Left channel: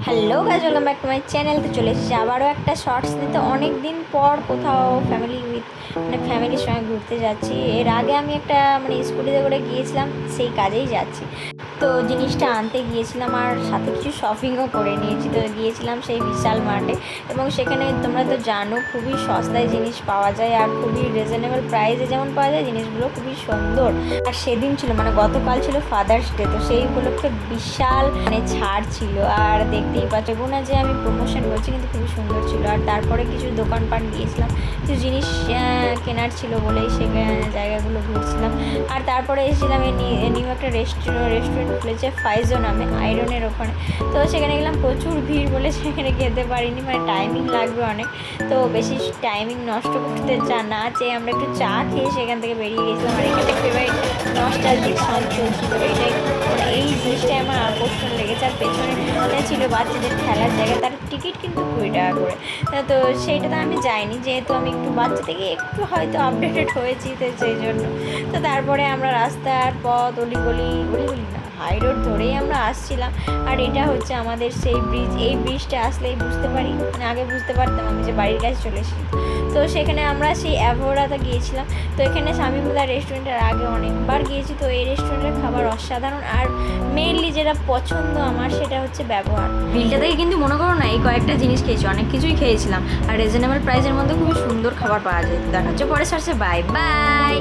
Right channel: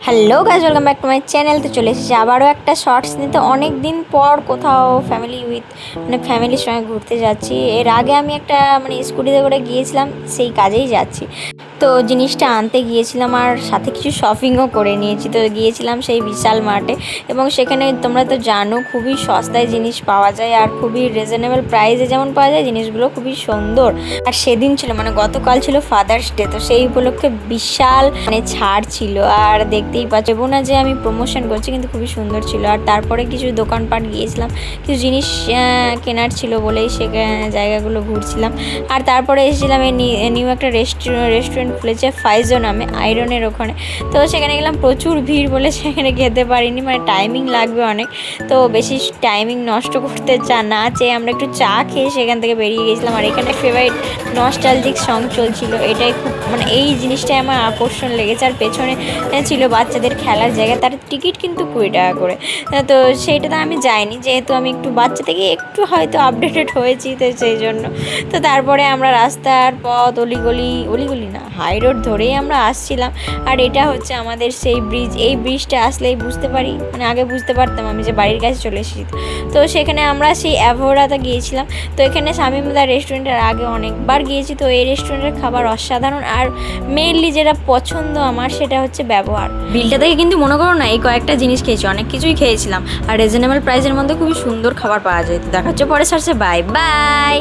Hello guys, welcome back to my channel. তো চলে এসেছি আবারও একটা শর্টস নিতে। অনেক দিন পর কোথাও ফ্যামিলির সঙ্গে ঘুরতে যাচ্ছি। এর আগে আমি একটা স্কুটিতে করে গিয়েছিলাম, সেই কাজেই যাচ্ছি। তো জিনিসটা আনতে গিয়েছিলাম আর সাথে কিছু শপিংও করে নিয়েছি। তো গিয়েছিলাম সেই বিশাল মার্টে, এবং সেখানে তোমরা তো জানো খুবই সস্তায় জিনিস পাওয়া যায় আর খুবই রিজনেবল প্রাইসে যেমন পাওয়া যায়, জিনিসগুলো খুবই সুন্দর। আর সেদিন ছিল গতকাল ছিল ফাদার্স ডে, তো সেই উপলক্ষে বিশাল ছাড় ছিল। আর দেখতেই পাচ্ছ না যে আমি প্রমোশন করছি, কিন্তু খুবই সুন্দর ছিল। আর তারপরে কিছু দোকানপাট গিয়েছিলাম, কিছু জিনিস কেনার ছিল বলেই সে জায়গাগুলো ঘুরছিলাম। আর তারপরে এসেছিলাম এই নিউ একটা রেস্টুরেন্ট খুলেছে ফাইজো নামে, আয়রনের ওখানে। তো সেখানে গেলাম, প্রচুর ভিড় বলে সেখানে খেতে পারিনি, টাইমিং লাগবে অনেক। তো বেশি টাইমিং নষ্ট করতে না চেয়ে আমরা একটু চা খেয়ে সেখান থেকে বেরিয়ে গেছিলাম। আর এখানে ফেভারিট নস্টালজিক সং চলছিল, এটাই খুব এই জিনিসটাই আমার আকর্ষণ লেগেছে। আর পেছনে ছিল বাচ্চাদের খেলার জায়গা, তার টিকিট কিন্তু 20 টাকা করে। তো সেইটাতে আমি যাইনি, যেহেতু আমি একটু বাচ্চা থেকে একটু হয়তো আপডেটেড হয়েছি, তো সেই জন্য। তো তারপরে আমরা রাস্তার পথ অলিগলি না, হাই রোড ধরেই আমরা আসছিলাম। আর এটা হচ্ছে আমাদের সেই ব্রিজ। এই ব্রিজটা আসলেই বুঝতে পারি, আগে বুঝতে পারতাম আমি যে বাড়ির কাছে চলে এসেছি। তো সেখানে আমরা সেই অ্যাভোরাতে গিয়েছিলাম। তো এখানে শামীমুদা রেস্টুরেন্টের আগে অনেকবার গিয়েছি। তো এই রেস্টুরেন্টের খাবার অসাধারণ। আর মেইনলি যেটা পছন্দ আমার, সেটা হচ্ছে ব্যবহার। বিলটা থেকে কিন্তু মনে করো না, এই কয়েকটা জিনিস খেয়েছি, অনেক কিছুই খেয়েছিলাম। আর রিজনেবল প্রাইসের মধ্যে খুবই সুন্দর খাবার পাওয়া যায়। দেখা হচ্ছে পরে সার্চে। Bye by.